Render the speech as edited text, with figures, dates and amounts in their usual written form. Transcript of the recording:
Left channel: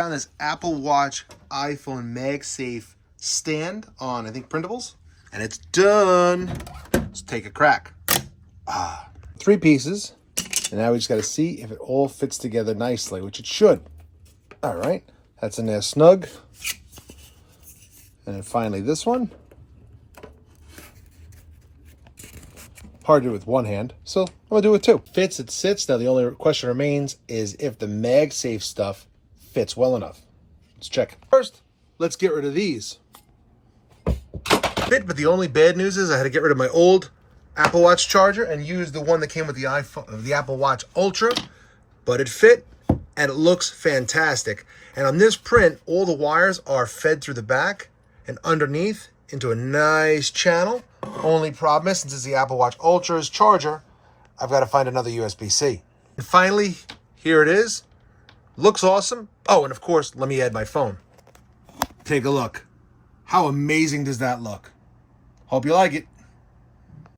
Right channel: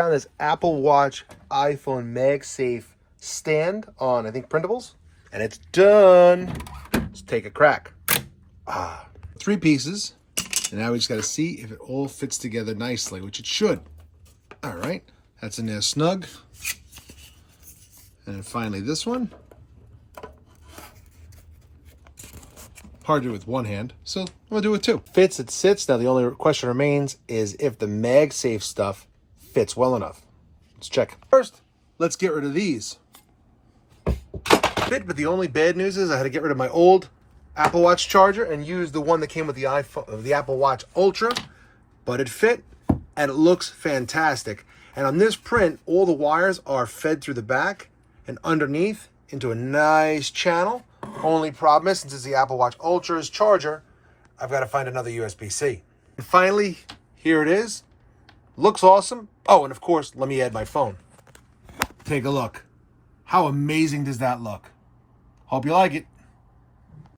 found this Apple Watch iPhone MagSafe stand on, I think, printables. And it's done. Let's take a crack. 3 pieces. And now we just got to see if it all fits together nicely, which it should. All right. That's in there snug. And then finally this one. Hard to do with one hand, so I'm going to do it with 2. Fits, it sits. Now the only question remains is if the MagSafe stuff fits well enough. Let's check. First, let's get rid of these. Fit, but the only bad news is I had to get rid of my old Apple Watch charger and use the one that came with the iPhone, the Apple Watch Ultra, but it fit and it looks fantastic. And on this print, all the wires are fed through the back and underneath into a nice channel. Only problem is, since it's the Apple Watch Ultra's charger, I've got to find another USB-C. And finally, here it is. Looks awesome. Oh, and of course, let me add my phone. Take a look. How amazing does that look? Hope you like it.